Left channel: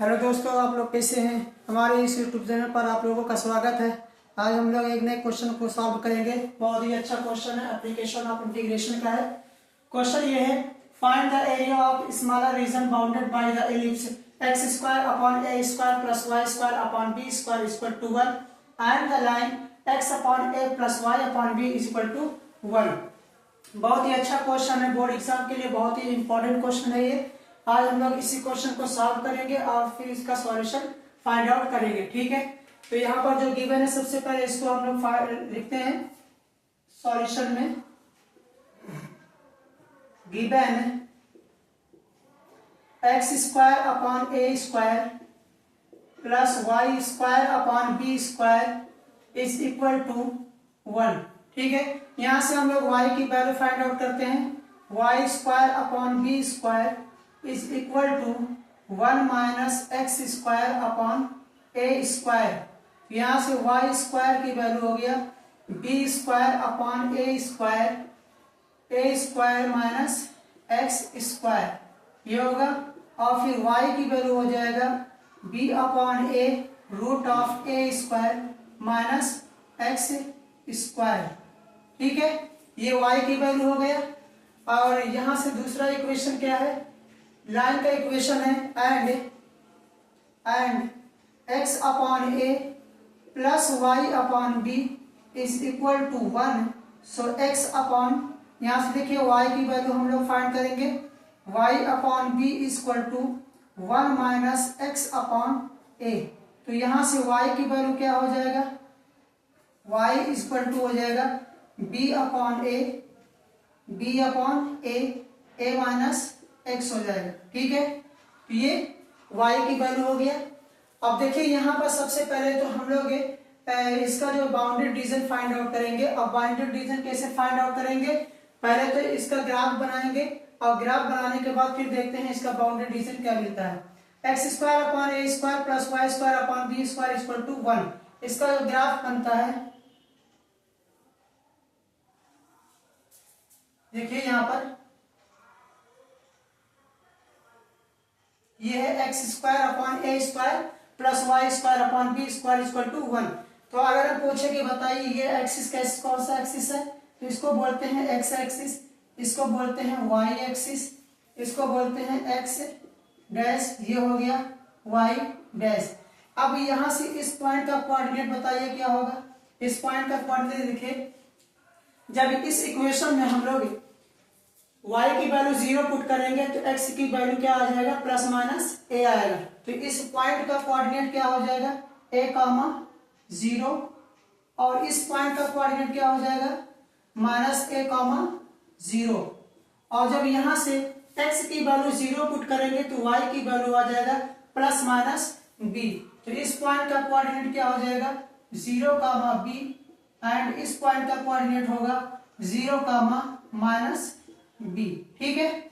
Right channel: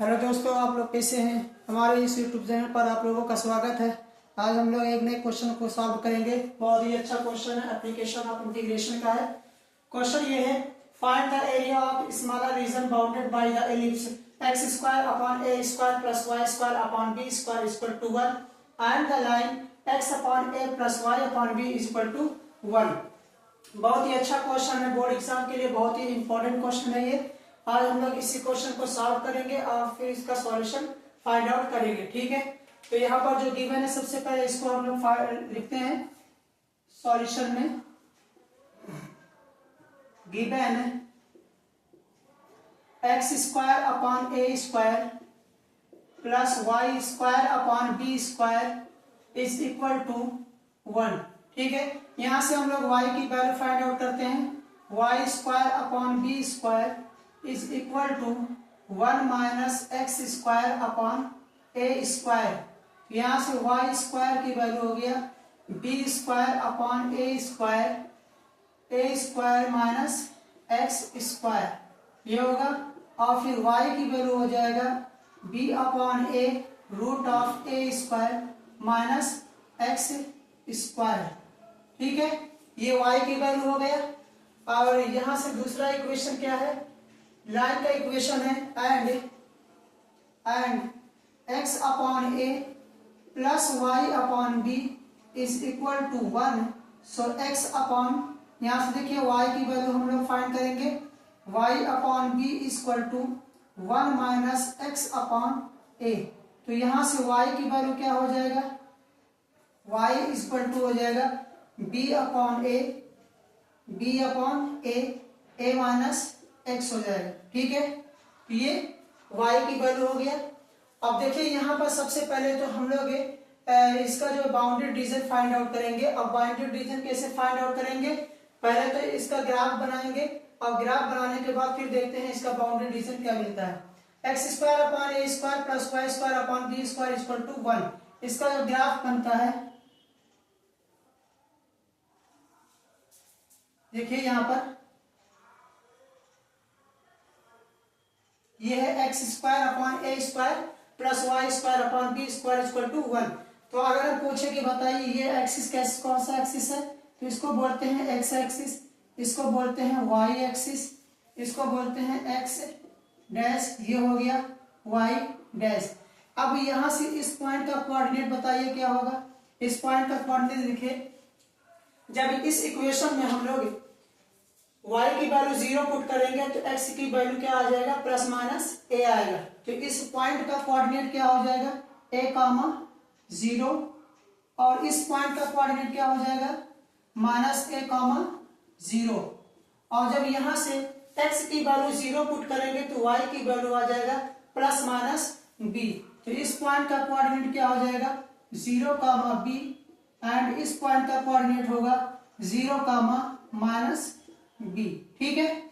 Hello दोस्तों, आप लोग कैसे हैं। हमारे इस यूट्यूब चैनल पर आप लोगों का स्वागत है। आज हम लोग एक नए क्वेश्चन को सॉल्व करेंगे। बहुत ही अच्छा क्वेश्चन है, एप्लीकेशन ऑफ इंटीग्रेशन का है। क्वेश्चन ये है, find the area of smaller region bounded by the ellipse x square upon a square plus y square upon b square equal to 1 and the line x upon a plus y upon b equal to 1। बहुत ही अच्छा question है, board exam के लिए बहुत ही important question है ये। आज हम लोग इसी क्वेश्चन को सॉल्व करेंगे और फिर इसका सॉल्यूशन फाइंड आउट करेंगे। ठीक है, तो यहाँ पर जो गिवन है सबसे पहले इसको हम लोग लिखते हैं सॉल्यूशन में। Given x square upon a square plus y square upon b square is equal to 1। ठीक है, यहां से हम लोग y की वैल्यू फाइंड आउट करते हैं। Y square upon b square is equal to 1 minus x square upon a square. यहां से वाई स्क्वायर की वैल्यू हो गया b square upon a square minus x square ये होगा। और फिर y की वैल्यू हो जाएगा b upon a root of a square minus x square. ठीक है, ये y की वैल्यू हो गया। और यहां से दूसरा इक्वेशन क्या है, लाइन का इक्वेशन है and x upon a plus y upon b is equal to 1। So x upon, यहां से देखिए y की वैल्यू हम लोग फाइंड करेंगे। y upon b equal to 1 minus x upon a. तो यहां से y की वैल्यू क्या हो जाएगा, y इक्वल टू हो जाएगा b अपॉन ए माइनस एक्स हो जाएगा। ठीक है, तो ये y की वैल्यू हो गया। अब देखिए यहाँ पर सबसे पहले तो हम लोग इसका जो बाउंड्री रीजन फाइंड आउट करेंगे। अब बाउंड्री रीजन कैसे फाइंड आउट करेंगे, पहले तो इसका ग्राफ बनाएंगे और ग्राफ बनाने के बाद फिर देखते हैं इसका बाउंड्री रीजन क्या मिलता है। X square upon a square plus y square upon b square equal to 1, इसका जो ग्राफ बनता है देखिए यहाँ पर ये है x square upon a square plus y square upon b square equal to 1। तो अगर हम पूछे कि बताइए ये एक्सिस कैसे, कौन सा एक्सिस है, तो इसको बोलते हैं एक्स एक्सिस, इसको बोलते हैं वाई एक्सिस, इसको बोलते हैं एक्स डैश, ये हो गया वाई डैश। अब यहां से इस पॉइंट का कोऑर्डिनेट बताइए क्या होगा। इस पॉइंट का कोऑर्डिनेट देखिए, जब इस इक्वेशन में हम लोग y की वैल्यू 0 पुट करेंगे तो x की वैल्यू क्या आ जाएगा, प्लस माइनस a आएगा। तो इस पॉइंट का कोऑर्डिनेट क्या हो जाएगा, a कामा 0, और इस पॉइंट का कोऑर्डिनेट क्या हो जाएगा, माइनस a कामा 0। और जब यहां से x की वैल्यू 0 पुट करेंगे तो y की वैल्यू आ जाएगा प्लस माइनस b। तो इस पॉइंट का कोऑर्डिनेट क्या हो जाएगा, 0 कामा b, एंड इस पॉइंट का कोऑर्डिनेट होगा 0 कामा माइनस बी। ठीक है,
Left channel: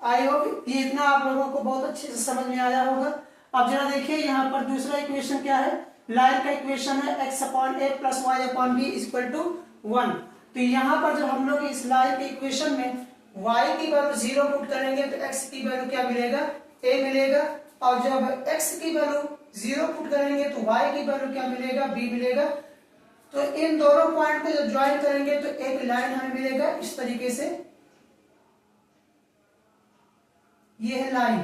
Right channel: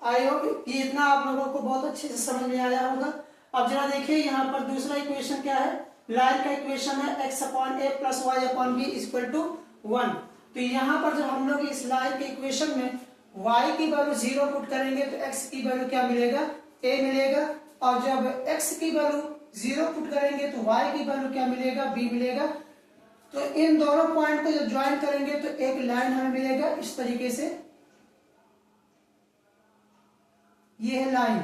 आई होप ये इतना आप लोगों को बहुत अच्छे से समझ में आया होगा। अब जरा देखिए यहाँ पर दूसरा इक्वेशन क्या है, लाइन का इक्वेशन है x upon a plus y upon b equal to 1। तो यहाँ पर जब हम लोग इस लाइन के इक्वेशन में y की वैल्यू 0 पुट करेंगे तो x की वैल्यू क्या मिलेगा, a मिलेगा। और जब x की वैल्यू 0 पुट करेंगे तो y की वैल्यू क्या मिलेगा, b मिलेगा। तो इन दोनों पॉइंट को जब ज्वाइन करेंगे तो एक लाइन हमें मिलेगा इस तरीके से, ये है लाइन।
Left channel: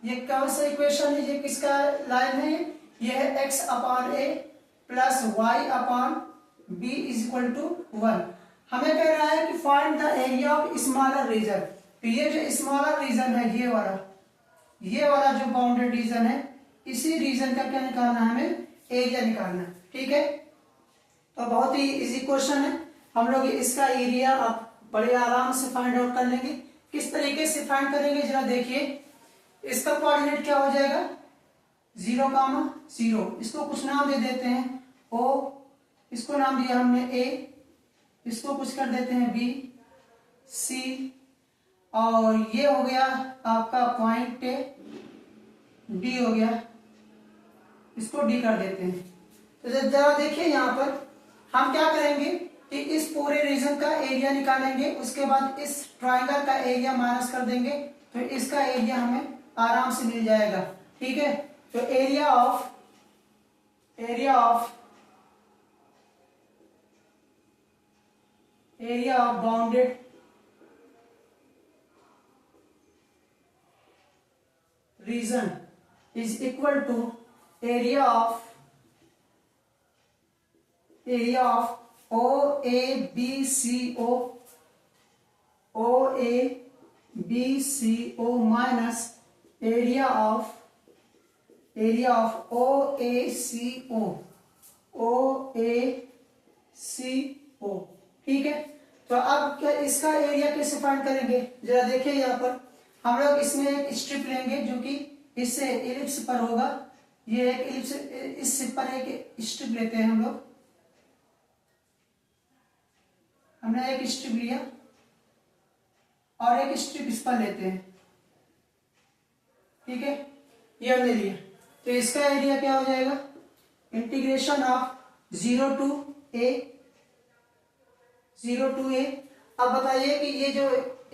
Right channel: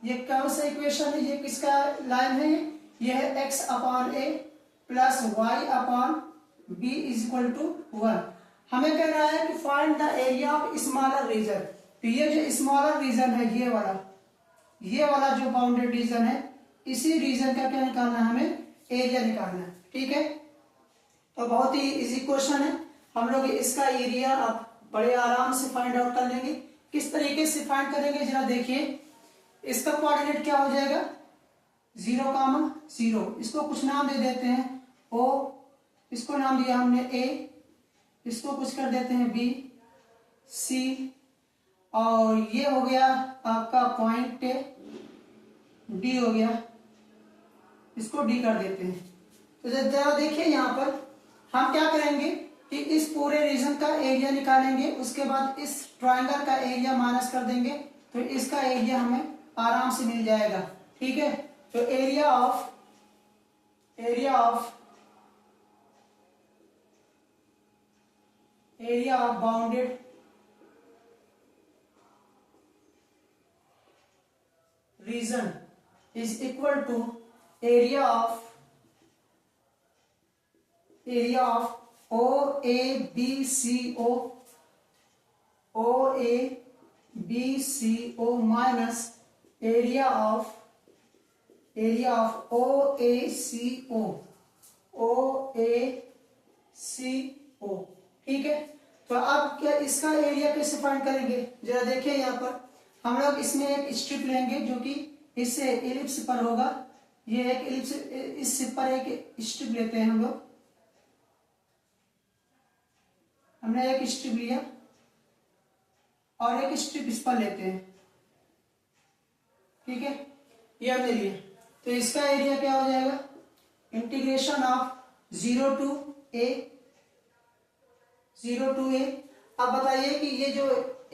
ये कौन सा इक्वेशन है, ये किसका लाइन है, ये है x upon a plus y upon b is equal to 1। हमें कह रहा है कि find the area of smaller region. तो ये जो स्मॉलर रीजन है, ये वाला जो बाउंड्री रीजन है, इसी रीजन का क्या निकालना है, हमें एरिया निकालना है। ठीक है, तो बहुत ही इजी क्वेश्चन है। हम लोग इसका एरिया आप बड़े आराम से फाइंड आउट कर लेंगे। किस तरीके से फाइंड करेंगे जरा देखिए, इसका कोऑर्डिनेट क्या हो जाएगा, 0 कामा 0, इसको कुछ नाम दे देते हैं o, इसको नाम दिया हमने a, इसको कुछ कर देते हैं b, c, और ये हो गया आपका पॉइंट d हो गया, इसको d कर देते हैं। तो जरा देखिए यहाँ पर हम क्या करेंगे कि इस पूरे रीजन का एरिया निकालेंगे, उसके बाद इस ट्रायंगल का एरिया माइनस कर देंगे तो इसका एरिया हमें आराम से मिल जाएगा। ठीक है, तो area of bounded region is equal to area of OABCO minus area of OACO। ठीक है, तो अब क्या इसका एरिया कैसे फाइंड करेंगे, जरा देखिए यहाँ पर हम लोग इसमें एक स्ट्रिप लेंगे जो कि इससे एलिप्स पर होगा। ये एक एलिप्स, इस पर एक स्ट्रिप लेते हैं हम लोग। हमने एक स्ट्रिप लिया और एक स्ट्रिप इस पर लेते हैं। ठीक है, ये हमने लिया, तो इसका एरिया क्या हो जाएगा, इंटीग्रेशन ऑफ 0 to a। अब बताइए कि ये जो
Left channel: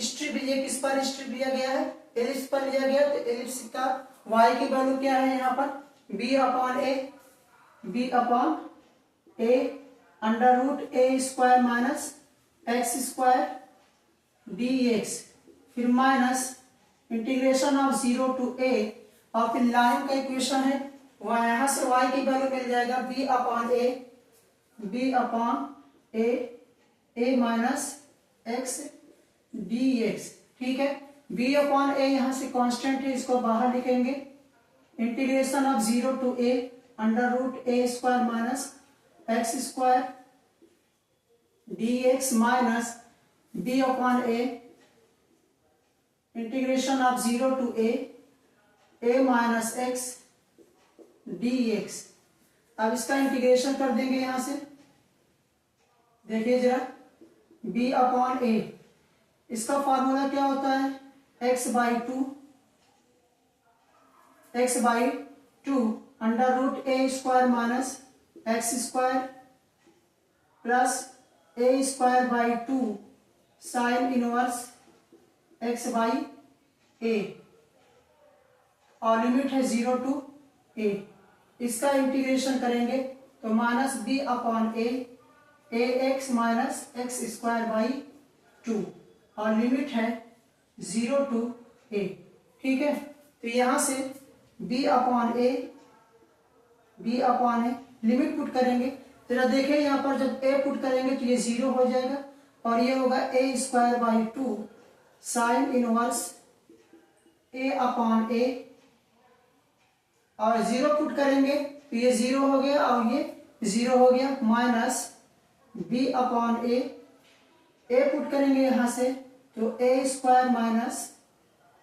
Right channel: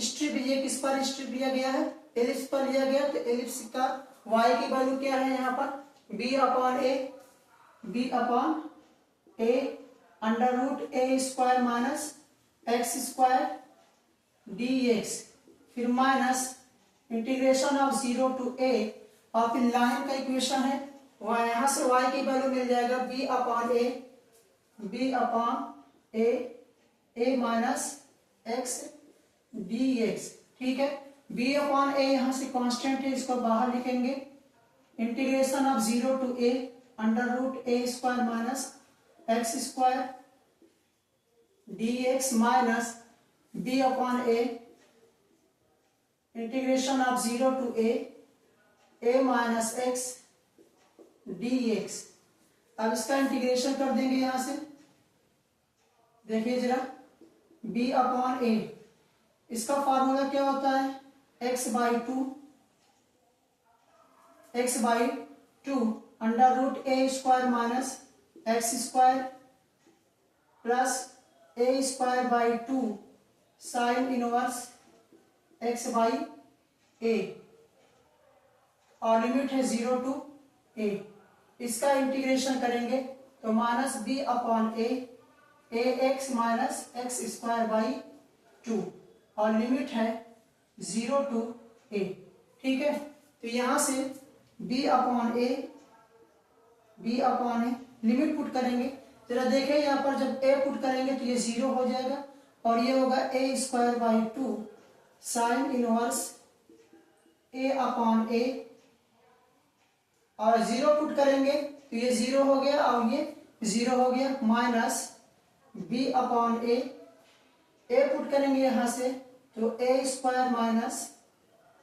स्ट्रिप, ये किस पर स्ट्रिप लिया गया है, एलिप्स पर लिया गया, तो एलिप्स का y की वैल्यू क्या है यहाँ पर, b upon a under root a square minus x square dx, फिर minus integration of 0 to a, और फिर लाइन का इक्वेशन है, वहां यहां से y की वैल्यू मिल जाएगा b upon a minus x dx। ठीक है, b अपॉन a यहां से कांस्टेंट है, इसको बाहर लिखेंगे। Integration of 0 to a under root a square minus x square dx minus b upon a integration of 0 to a minus x dx। अब इसका इंटीग्रेशन कर देंगे यहां से, देखिए जरा, b अपॉन a, इसका फॉर्मूला क्या होता है, x by two under root a square minus x square plus a square by 2 sine inverse x by a, और लिमिट है 0 to a। इसका इंटीग्रेशन करेंगे तो minus b upon a x minus x square by 2, और limit है 0 to a। ठीक है, तो यहां से b upon a limit put करेंगे, जरा देखिए यहाँ पर जब a पुट करेंगे तो ये 0 हो जाएगा, और ये होगा a square by 2 sine inverse a upon a, और 0 पुट करेंगे तो ये 0 हो गया और ये 0 हो गया, minus b upon a put करेंगे यहां से तो a square minus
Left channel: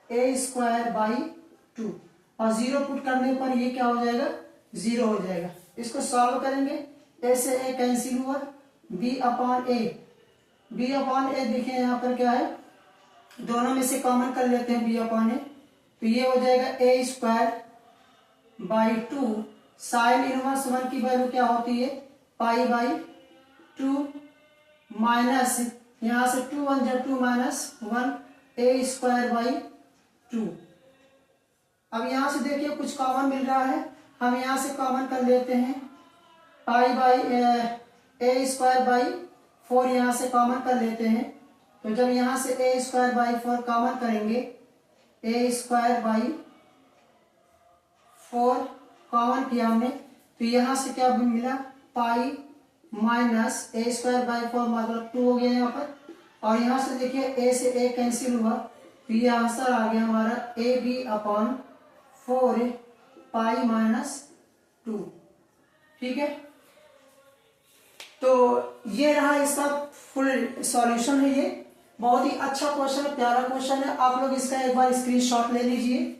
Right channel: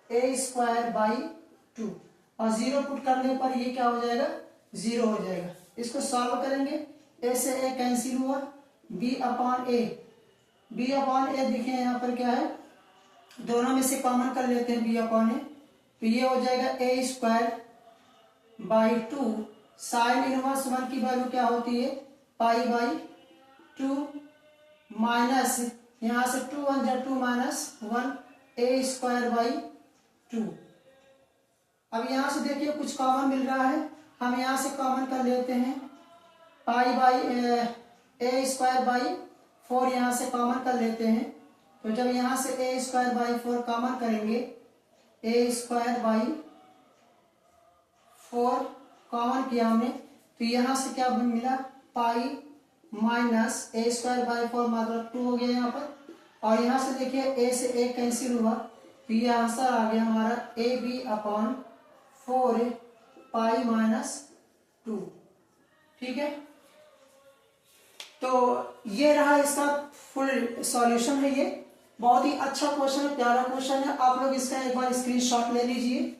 a square by 2, और 0 पुट करने पर ये क्या हो जाएगा, 0 हो जाएगा। इसको सॉल्व करेंगे, a से a कैंसिल हुआ, b अपॉन a देखिए यहाँ पर क्या है, दोनों में से कॉमन कर लेते हैं b अपॉन a, तो ये हो जाएगा a square by 2 sine inverse 1 की वैल्यू क्या होती है, पाई बाई 2 माइनस यहां से 2 1 जा 2 माइनस 1 a स्क्वायर बाई 2। अब यहां से देखिए कुछ कॉमन मिल रहा है, हम यहां से कॉमन कर लेते हैं, pi by a square by 4 यहां से कॉमन कर लेते हैं, तो जब यहां से a स्क्वायर बाई 4 कॉमन करेंगे, a स्क्वायर बाई 4 कॉमन किया हमने, तो यहां से क्या मिला, pi minus a square by 4 मतलब 2 हो गया यहाँ पर, और यहाँ से देखिए a से a कैंसिल हुआ, तो ये आंसर आ गया हमारा ab अपॉन 4 पाई माइनस 2। ठीक है, तो ये रहा इसका फुल सॉल्यूशन है। ये बहुत ही अच्छा क्वेश्चन है, प्यारा क्वेश्चन है, आप लोग इसका एक बार स्क्रीनशॉट ले लीजिए।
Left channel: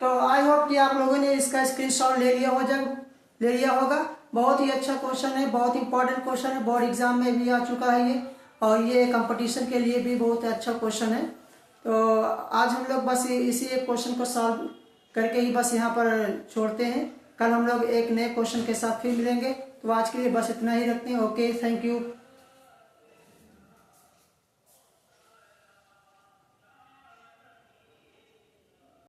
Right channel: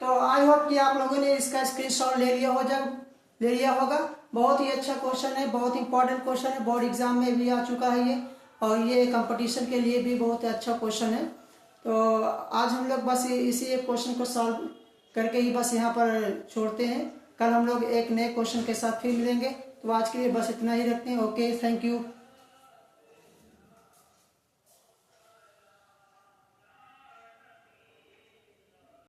तो आई होप कि आप लोगों ने इसका स्क्रीनशॉट ले लिया होगा। बहुत ही अच्छा क्वेश्चन है, बहुत इंपॉर्टेंट क्वेश्चन है, बोर्ड एग्जाम में भी आ चुका है ये, और ये कंपटीशन के लिए भी बहुत अच्छा क्वेश्चन है। तो आज हम लोग बस इसी एक क्वेश्चन को सॉल्व करके ही बस यहाँ पर छोड़ते हैं। कल हम लोग एक नए क्वेश्चन के साथ फिर मिलेंगे। तो आज के लिए बस इतना ही रखते हैं। Okay, thank you.